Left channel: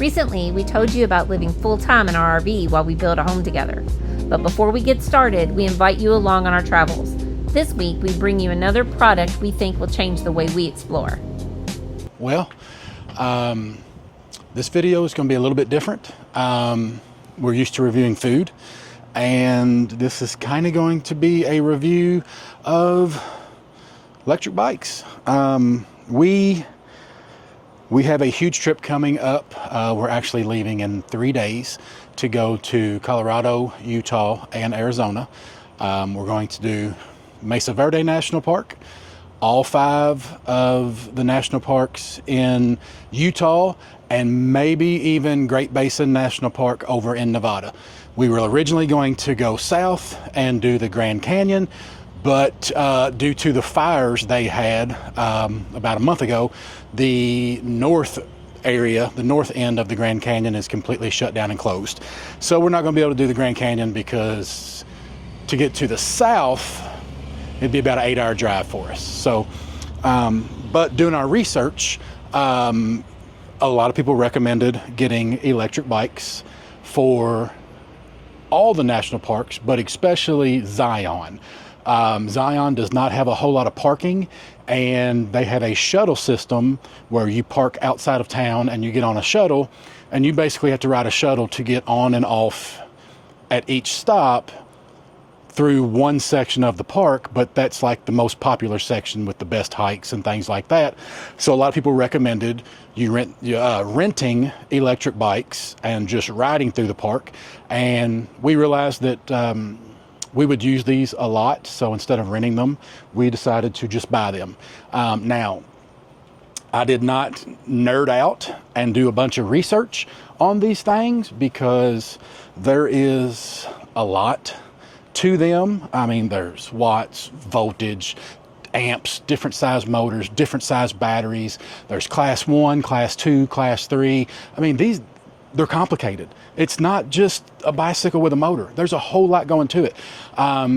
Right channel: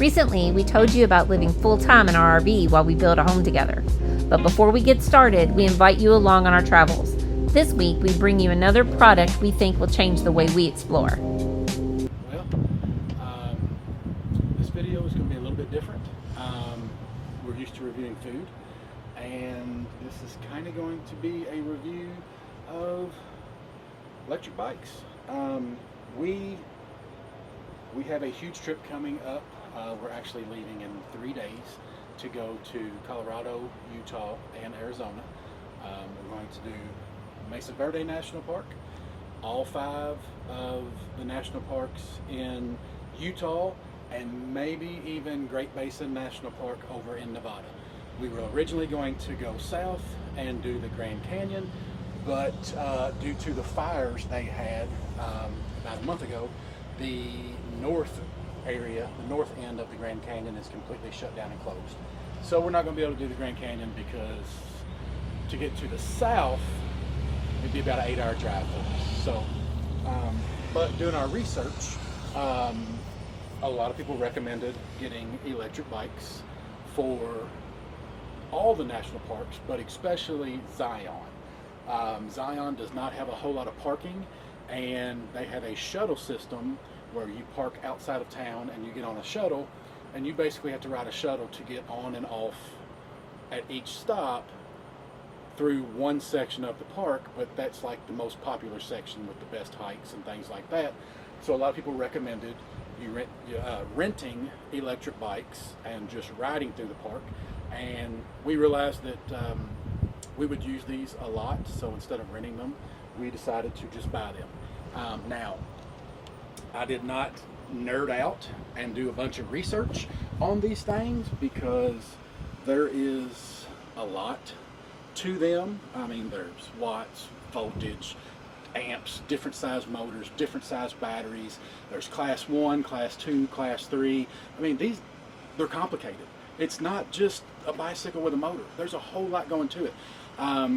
Recently, we told you about living full-time in our RV while we build a home together. But before we get started, we invite you along on our travels. This week, we bring you another product we think will change the way we explore. Well, this video is going to be a little bit different. We're used to reviewing food, and this is kind of going to be a review of electric bikes. We have a huge trip coming up. We're actually leaving in 3 days to go to Colorado, Utah, and Arizona. We're going to do Mesa Verde National Park, all 5 of the national parks in Utah, and maybe even Great Basin National Park over in Nevada. We were originally going to go south and do the Grand Canyon, but due to the fires they had about a month ago, the north area, the north end of the Grand Canyon is completely shut down and closed. So we're not going to be able to do the Grand Canyon because to get to the south, it'd be about an 8-hour drive for us. So, but doing our research, a lot of people recommended getting electric bikes for all the national parks, but especially Zion. Zion does not have a whole lot of parking, and they have a shuttle system where you park outside of town and you get on a shuttle, and you basically have to ride a shuttle to get on and off at each stop through one section of the park, but that's like the most popular section with the best hikes and things like that. So a lot of people recommended you renting electric bikes and just riding through the park, and we realized that we would use these a lot, so instead of renting them, we decided to just buy them. Now, I did not nerd out and do a bunch of research on these things because there is a lot to them. I mean, there's watts, voltage, amps, different size motors, different size batteries. There's class 1, class 2, class 3. I mean, they're complicated. It's not just a bicycle with a motor. There's a whole lot going to it.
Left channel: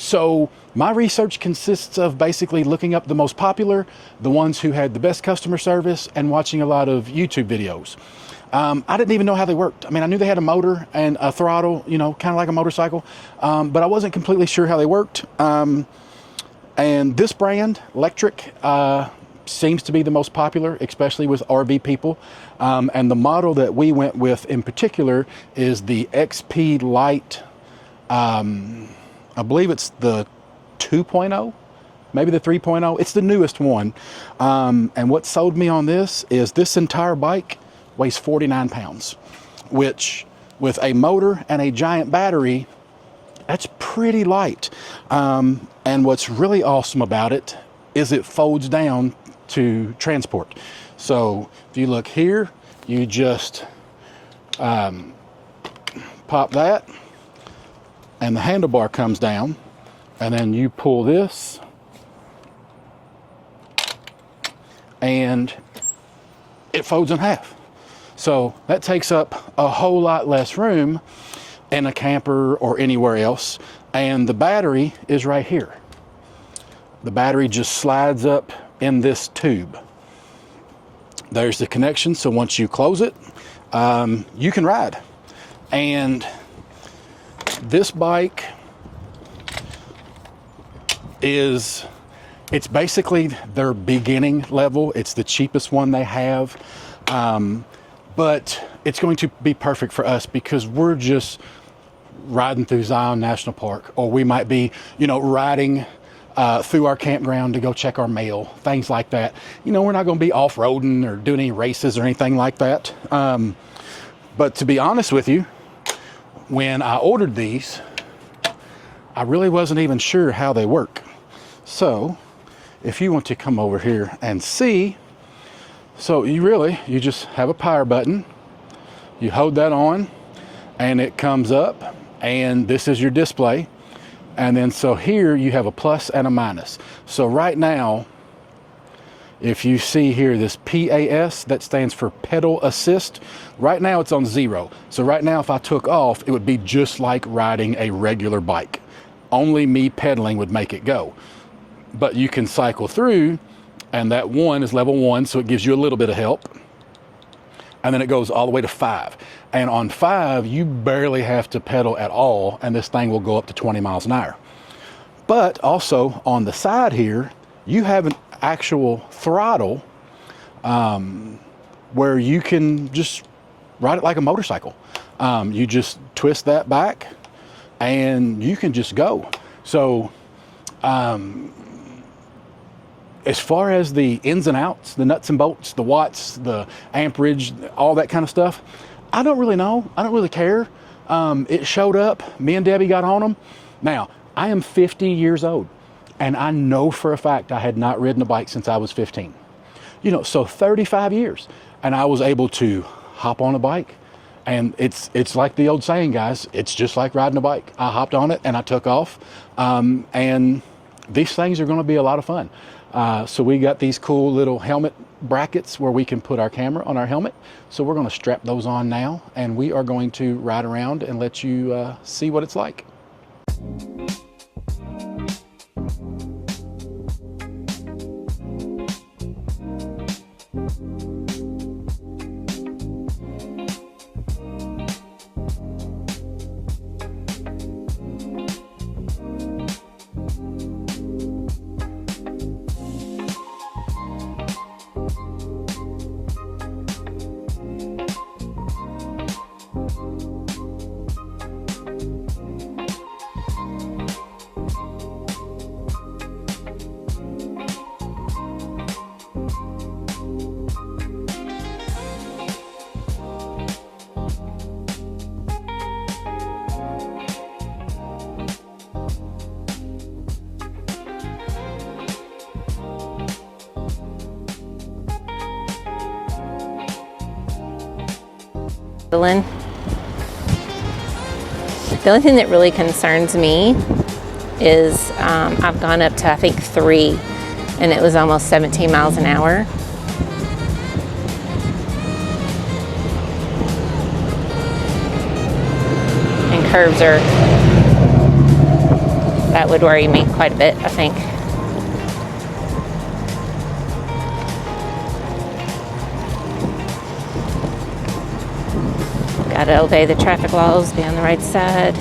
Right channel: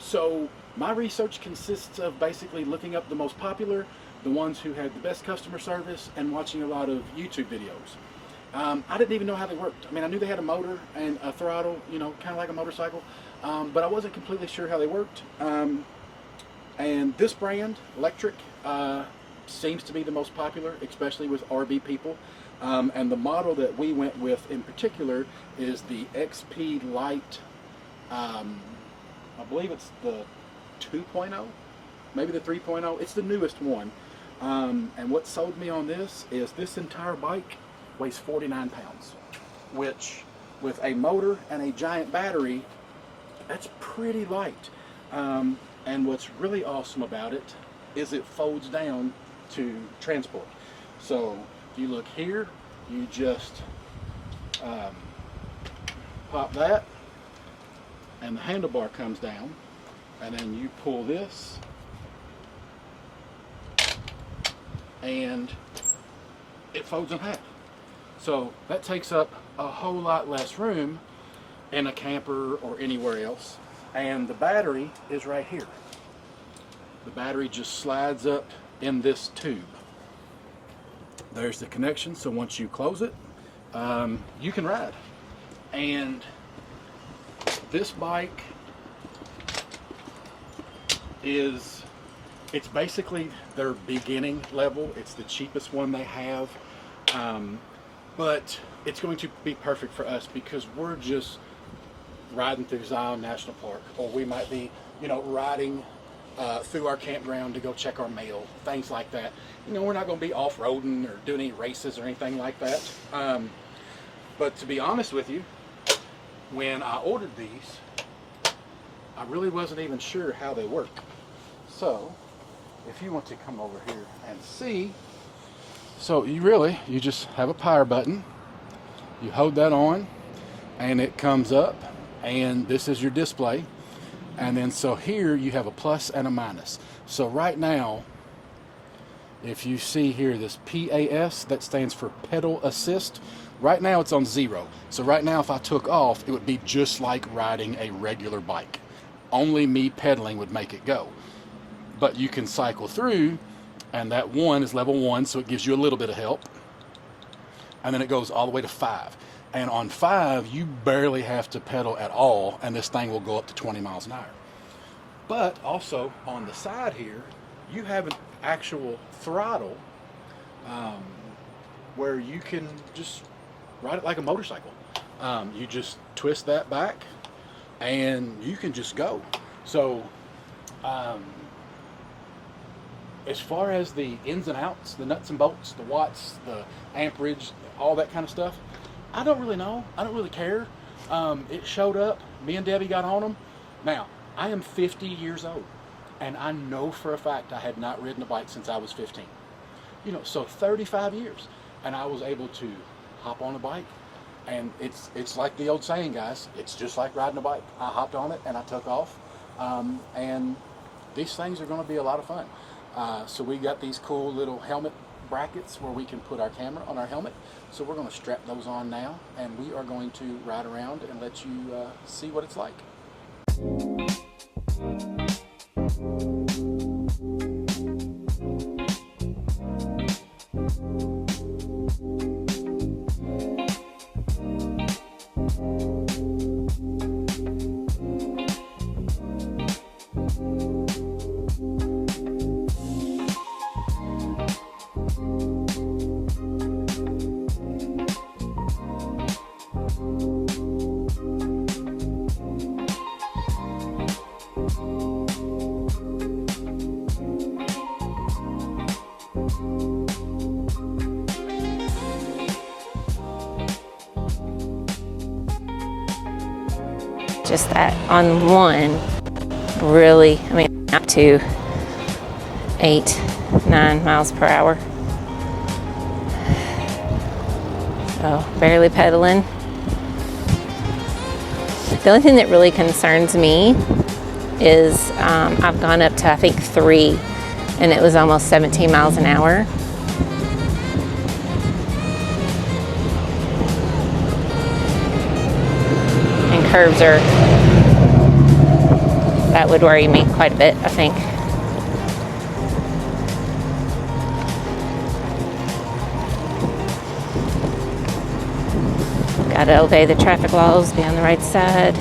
So my research consists of basically looking up the most popular, the ones who had the best customer service, and watching a lot of YouTube videos. I didn't even know how they worked. I mean, I knew they had a motor and a throttle, you know, kind of like a motorcycle, but I wasn't completely sure how they worked. And this brand, Lectric, seems to be the most popular, especially with RV people. And the model that we went with in particular is the XP Lite. I believe it's the 2.0, maybe the 3.0. It's the newest one. And what sold me on this is this entire bike weighs 49 pounds, which with a motor and a giant battery, that's pretty light. And what's really awesome about it is it folds down to transport. So if you look here, you just pop that and the handlebar comes down, and then you pull this and it folds in half. So that takes up a whole lot less room in a camper or anywhere else. And the battery is right here. The battery just slides up in this tube. There's the connection, so once you close it, you can ride. And this bike it's basically their beginning level. It's the cheapest one they have, but it's going to be perfect for us because we're just riding through Zion National Park, or we might be, you know, riding through our campground to go check our mail, things like that. You know, we're not going to be off-roading or doing any races or anything like that. But to be honest with you, when I ordered these, I really wasn't even sure how they work. So if you want to come over here and see, so you just have a power button, you hold that on and it comes up, and this is your display. And then so here you have a plus and a minus. So right now, if you see here this PAS, that stands for pedal assist, right now it's on 0. So right now if I took off, it would be just like riding a regular bike. Only me pedaling would make it go. But you can cycle through, and that 1 is level 1, so it gives you a little bit of help. and then it goes all the way to 5. And on 5, you barely have to pedal at all, and this thing will go up to 20 miles an hour. But also on the side here, you have an actual throttle where you can just ride it like a motorcycle. You just twist that back and you can just go. So as far as the ins and outs, the nuts and bolts, the watts, the amperage, all that kind of stuff, I don't really know. I don't really care. It showed up. Me and Debbie got on them. Now, I am 50 years old, and I know for a fact I had not ridden a bike since I was 15. You know, so 35 years, and I was able to hop on a bike, and it's like the old saying, guys, it's just like riding a bike. I hopped on it and I took off, and these things are going to be a lot of fun. So we got these cool little helmet brackets where we can put our camera on our helmet. So we're going to strap those on now, and we are going to ride around and let you see what it's like. Just that on one, really, I mean, up to 8-9 miles per hour. So barely pedaling. The only thing that really concerns me is I've gone up to, I think, 3, and it was almost 17 miles an hour. Curves are, that would worry me quite a bit, I think. Gotta obey the traffic laws, be on the right side.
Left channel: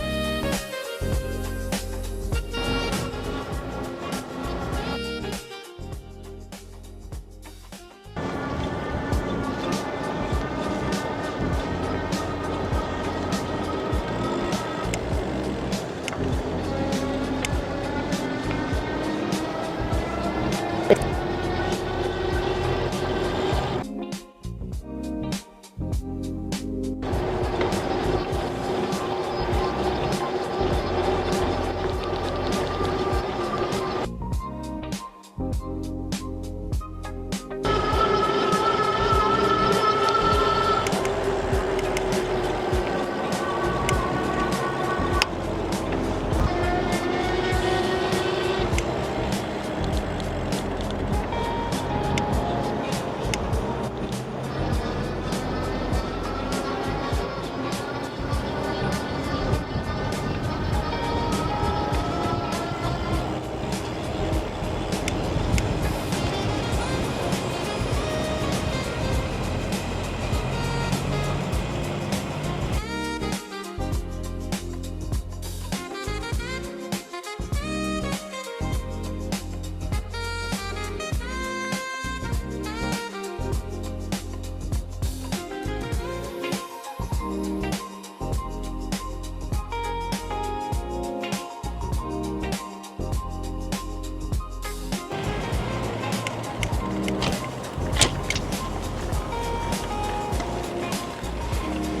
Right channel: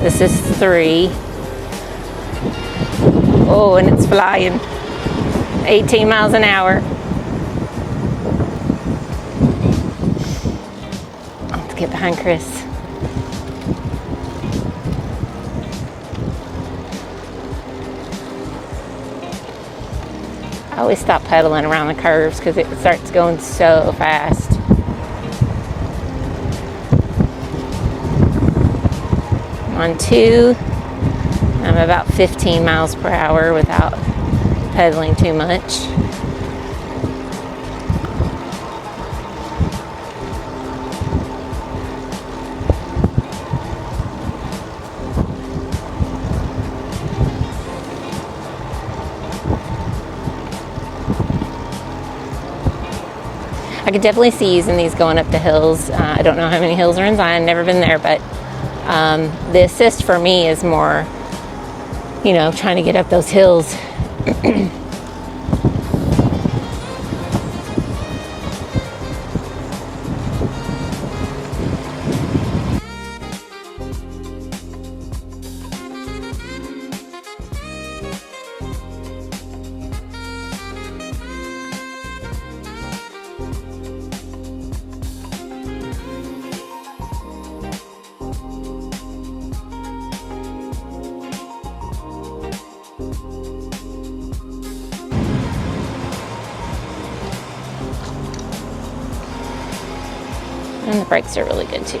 This is 3. Oh, and it's flying. 18 miles an hour. Let's get behind Chris. I always stop pedaling around the curves because it starts going so fast. On 2, I'm about 15 miles per hour without pedaling too much. I could definitely see using these going up the hills. I don't know how many hills are in Zion, never been there, but the assist for me is more, you know, trying to get up those hills. And the brakes are really good too.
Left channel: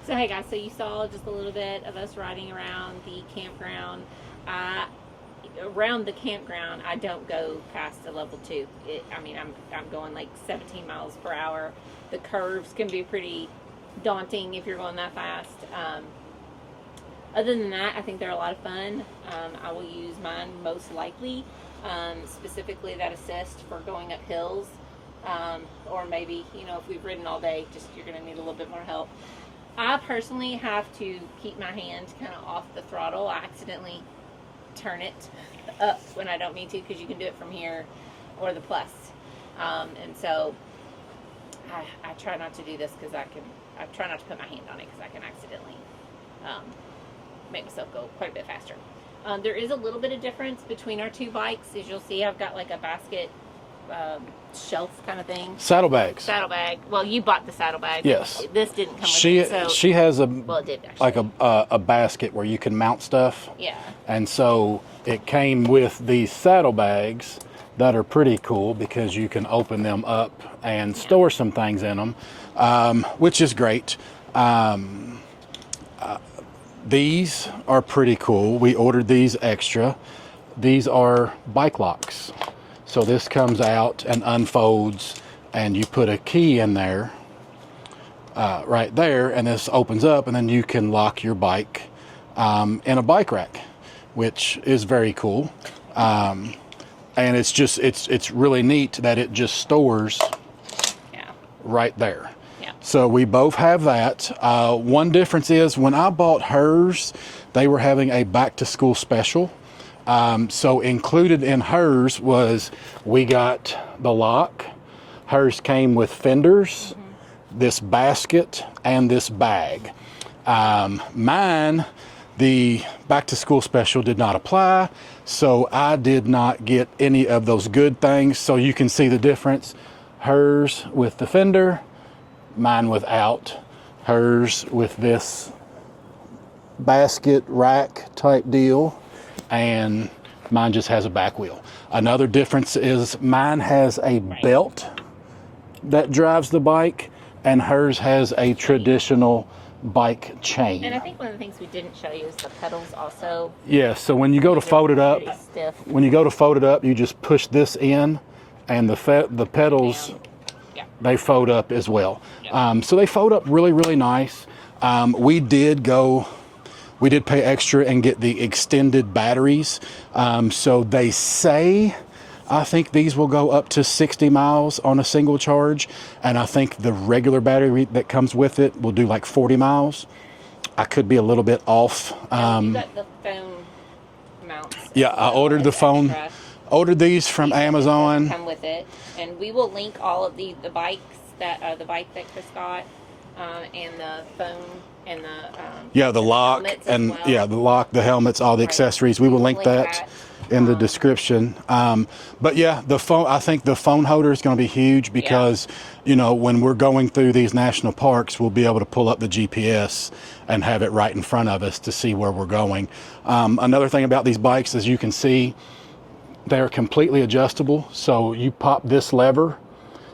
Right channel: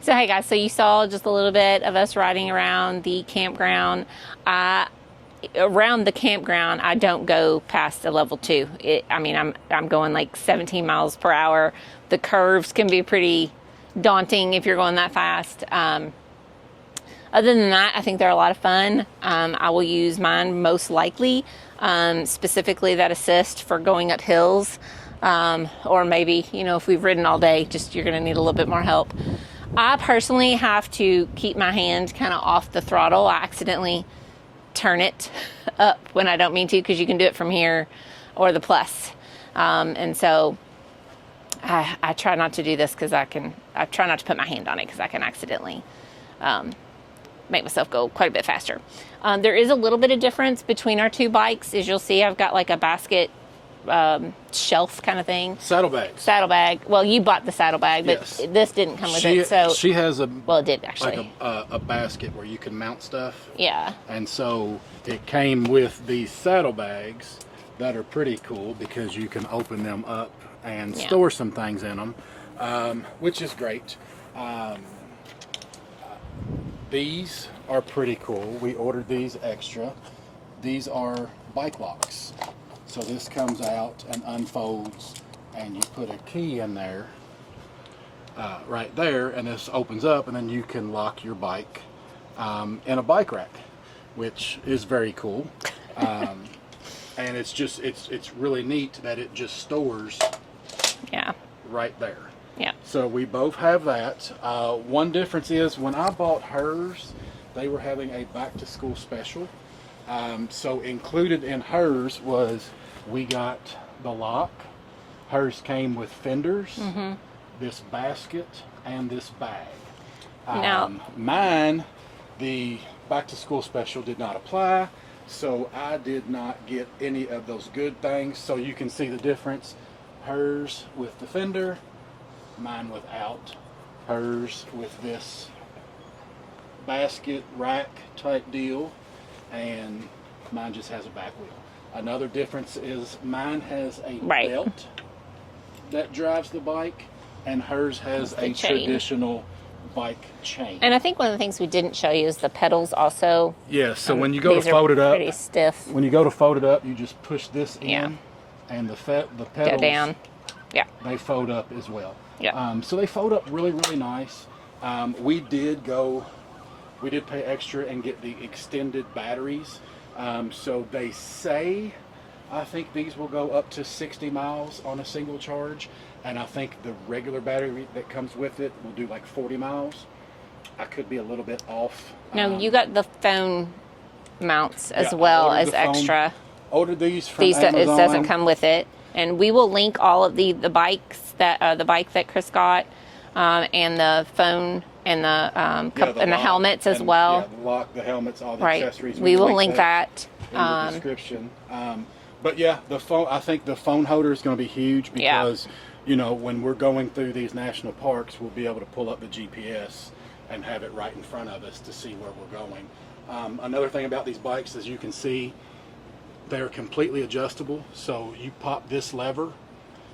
So hey guys, so you saw just a little bit of us riding around the campground. Around the campground, I don't go past a level 2. I'm going like 17 miles per hour. The curves can be pretty daunting if you're going that fast. Other than that, I think they're a lot of fun. I will use mine most likely, specifically that assist for going up hills, or maybe, if we've ridden all day, you're gonna need a little bit more help. I personally have to keep my hand kind of off the throttle. I accidentally turn it up when I don't mean to, because you can do it from here or the plus. And so I try not to do this because I try not to put my hand on it because I can accidentally make myself go quite a bit faster. There is a little bit of difference between our two bikes. As you'll see, I've got like a basket shelf kind of thing. Saddlebags. Saddlebag. Well, you bought the saddlebag, but yes. This didn't come with it. So she has a well, it did actually. Like a basket where you can mount stuff. Yeah. And so it came with these saddlebags that are pretty cool because you can open them up and store some things in them, which is great. These are pretty cool. We ordered these extra. These are bike locks. So this comes out and unfolds, and you put a key in there, right there, and this opens up, and then you can lock your bike in a bike rack, which is very cool. And it's really neat that it just stores right there. Yeah. So we both have that. One difference is when I bought hers, they were having a back to school special. So included in hers was we got the lock. Hers came with fenders, this basket, and this bag. Mine, the back to school special did not apply, so I did not get any of those good things. So you can see the difference. Hers with the fender, mine without. Hers with this basket rack type deal, and mine just has a back wheel. Another difference is mine has a belt that drives the bike, and hers has a traditional bike chain. And I think one of the things we didn't show you is the pedals also. Yeah, so when you go to fold it up, pretty stiff. When you go to fold it up, you just push this in, and the pedals, down. They fold up as well. Yeah. So they fold up really, really nice. We did pay extra and get the extended batteries. So they say, I think these will go up to 60 miles on a single charge. And I think the regular battery that comes with it will do like 40 miles. I could be a little bit off. No, you got the phone mounts as well I ordered as the phone. Extra. Ordered these from Amazon. It doesn't come with it. And we will link all of the bikes that, the bike that Chris got, and the phone, and the helmets as well. Yeah, the lock, the helmets, all the accessories. We will link that in the description. But yeah, the phone. I think the phone holder is going to be huge because when we're going through these national parks, we'll be able to pull up the GPS and have it right in front of us to see where we're going. Another thing about these bikes, as you can see, they're completely adjustable. So you pop this lever,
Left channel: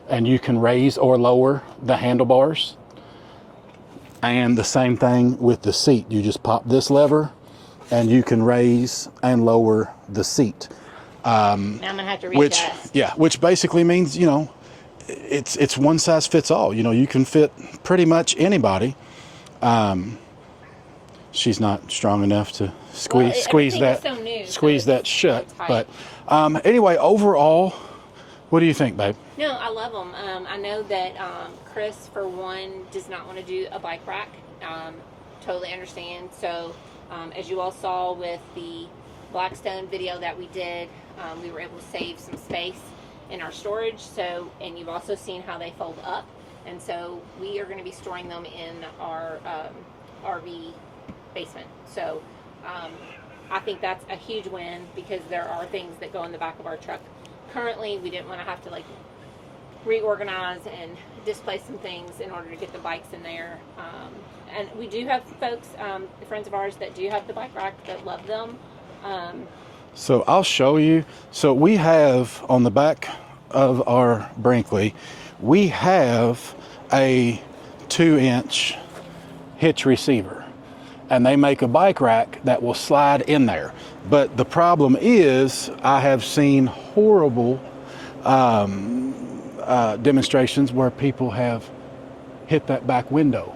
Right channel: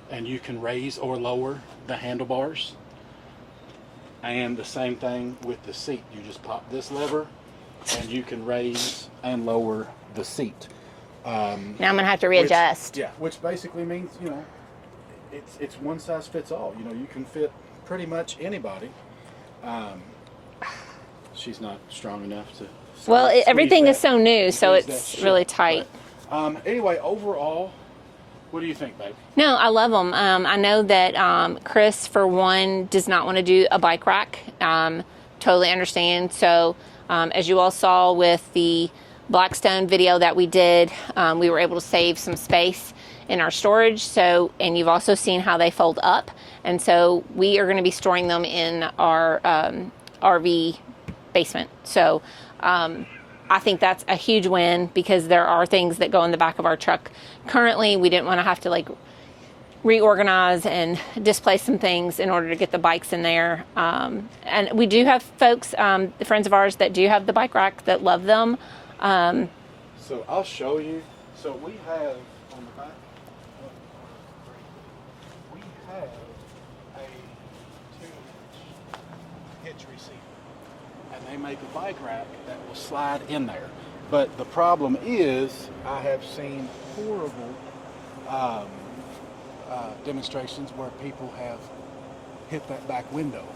and you can raise or lower the handlebars. And the same thing with the seat. You just pop this lever and you can raise and lower the seat. Now I'm gonna have to readjust. Which basically means, it's one size fits all. You can fit pretty much anybody. She's not strong enough to squeeze everything that, is so new, so it's really tight. But, anyway, overall, what do you think, babe? No, I love them. I know that Chris, for one, does not want to do a bike rack. Totally understand. So, as you all saw with the Blackstone video that we did, we were able to save some space in our storage. So, and you've also seen how they fold up. And so we are going to be storing them in our RV basement. So, I think that's a huge win because there are things that go in the back of our truck. Currently, we didn't want to have to reorganize and displace some things in order to get the bikes in there. And we do have folks, friends of ours that do have the bike rack that love them. So I'll show you. So we have on the back of our Brinkley, we have a 2-inch hitch receiver, and they make a bike rack that will slide in there. But the problem is, I have seen horrible demonstrations where people have hit that back window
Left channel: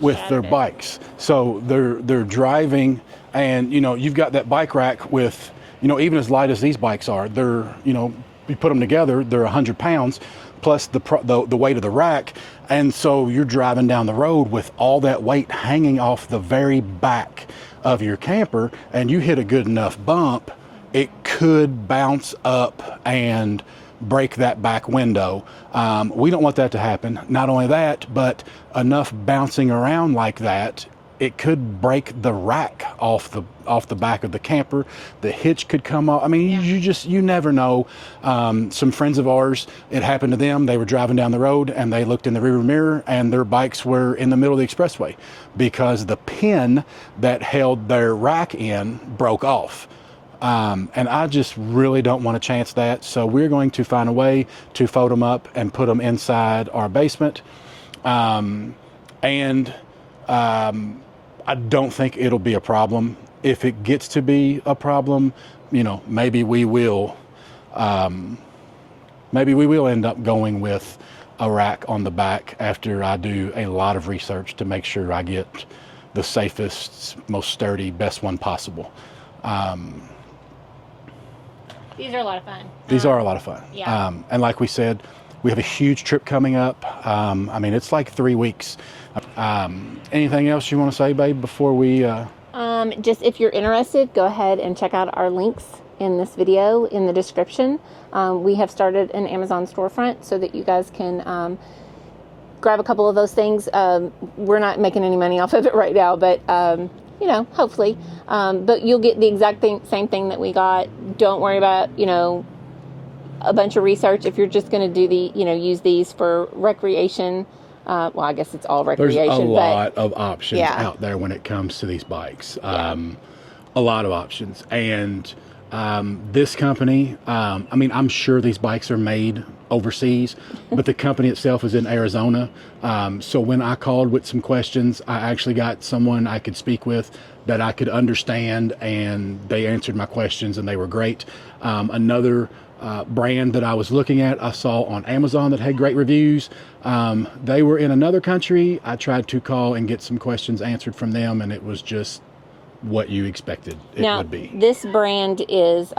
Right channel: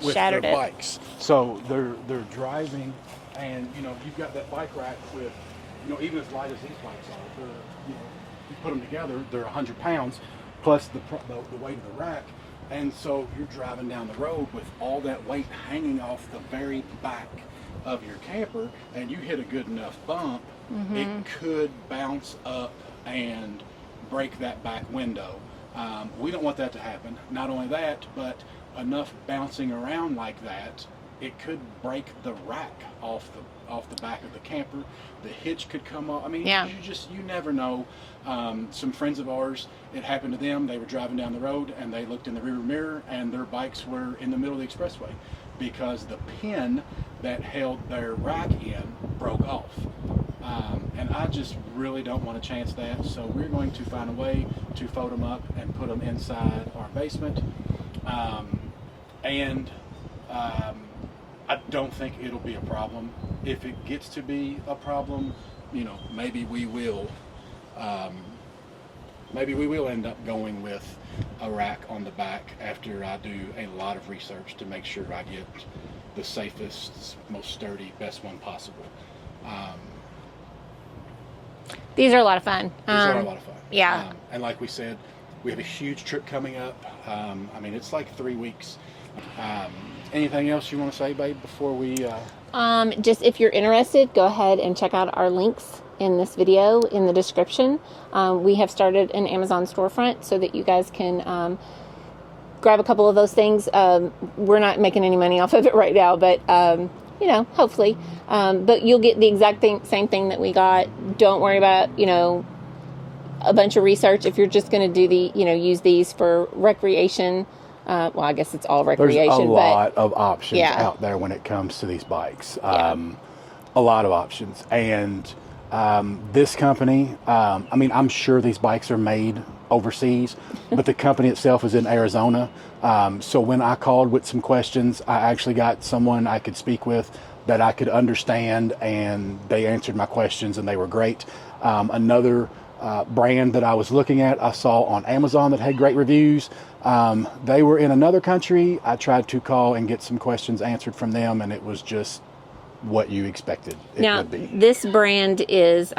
with Shattered their it. bikes. So they're driving, and you've got that bike rack with, even as light as these bikes are, they're, you put them together, they're 100 pounds plus the weight of the rack. And so you're driving down the road with all that weight hanging off the very back of your camper, and you hit a good enough bump, it could bounce up and break that back window. We don't want that to happen. Not only that, but enough bouncing around like that, it could break the rack off the back of the camper. The hitch could come off. I mean, Yeah. you never know. Some friends of ours, it happened to them. They were driving down the road and they looked in the rearview mirror, and their bikes were in the middle of the expressway because the pin that held their rack in broke off. And I just really don't want to chance that. So we're going to find a way to fold them up and put them inside our basement. I don't think it'll be a problem. If it gets to be a problem, maybe we will end up going with a rack on the back after I do a lot of research to make sure I get the safest, most sturdy, best one possible. These are a lot of fun. These are a lot of fun. Yeah. And like we said, we have a huge trip coming up. It's like 3 weeks. Anything else you want to say, babe, before we... Just if you're interested, go ahead and check out our links in this video in the description. We have started an Amazon storefront so that you guys can grab a couple of those things. We're not making any money off of it right now, but hopefully. But you'll get the exact same thing that we got. Don't worry about a bunch of research. If you're just going to do use these for recreation. Well, I guess it's all recreation. There's a lot of options yeah. out there when it comes to these bikes. Yeah. A lot of options. And this company, I'm sure these bikes are made overseas, but the company itself is in Arizona. So when I called with some questions, I actually got someone I could speak with that I could understand, and they answered my questions, and they were great. Another brand that I was looking at, I saw on Amazon that had great reviews. They were in another country. I tried to call and get some questions answered from them, and it was just what you expected it would be. This brand is,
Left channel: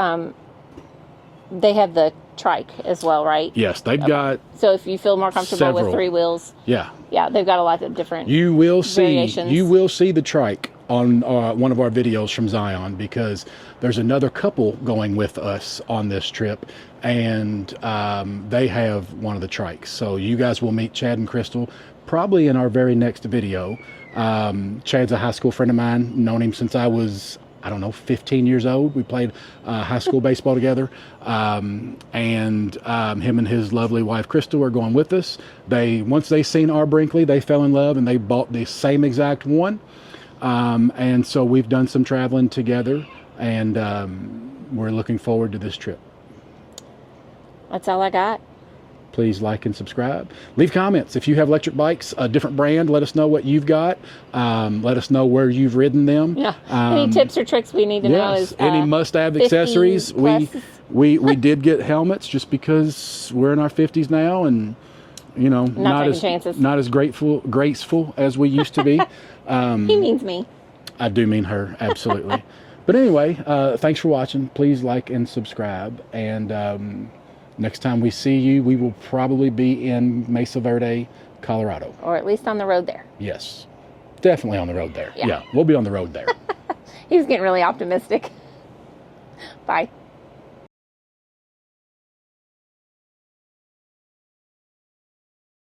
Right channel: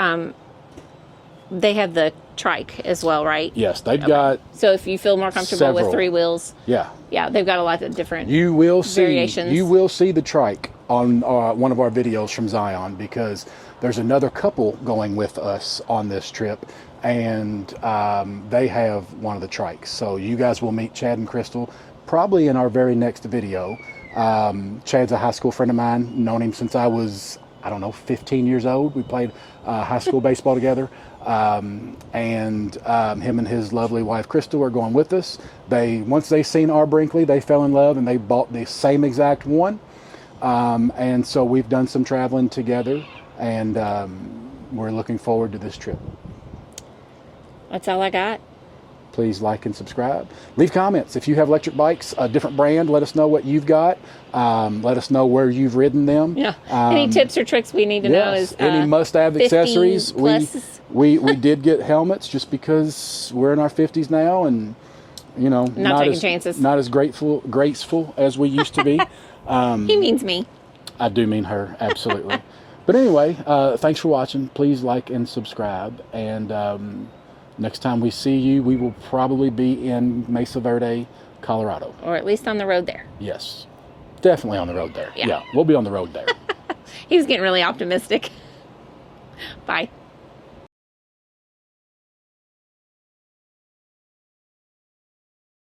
they have the trike as well, right? Yes, they've got So if you feel more comfortable several. with 3 wheels, yeah. they've got a lot of different You will variations. see the trike on one of our videos from Zion, because there's another couple going with us on this trip, and they have one of the trikes. So you guys will meet Chad and Crystal probably in our very next video. Chad's a high school friend of mine, known him since I was, 15 years old. We played high school baseball together. Him and his lovely wife Crystal are going with us. Once they seen our Brinkley, they fell in love and they bought the same exact one. And so we've done some traveling together, and we're looking forward to this trip. That's all I got. Please like and subscribe. Leave comments. If you have electric bikes, a different brand, let us know what you've got. Let us know where you've ridden them. Yeah. Any tips or tricks we need to know is any must-have 50 accessories. plus. We did get helmets just because we're in our 50s now, and not taking as chances. not as graceful as we used to be. He means me. I do mean her, absolutely. But anyway, thanks for watching. Please like and subscribe. And next time we see you, we will probably be in Mesa Verde, Colorado. Or at least on the road there. Yes. Definitely on the road there. Yeah. We'll be on the road there. He was getting really optimistic. Bye.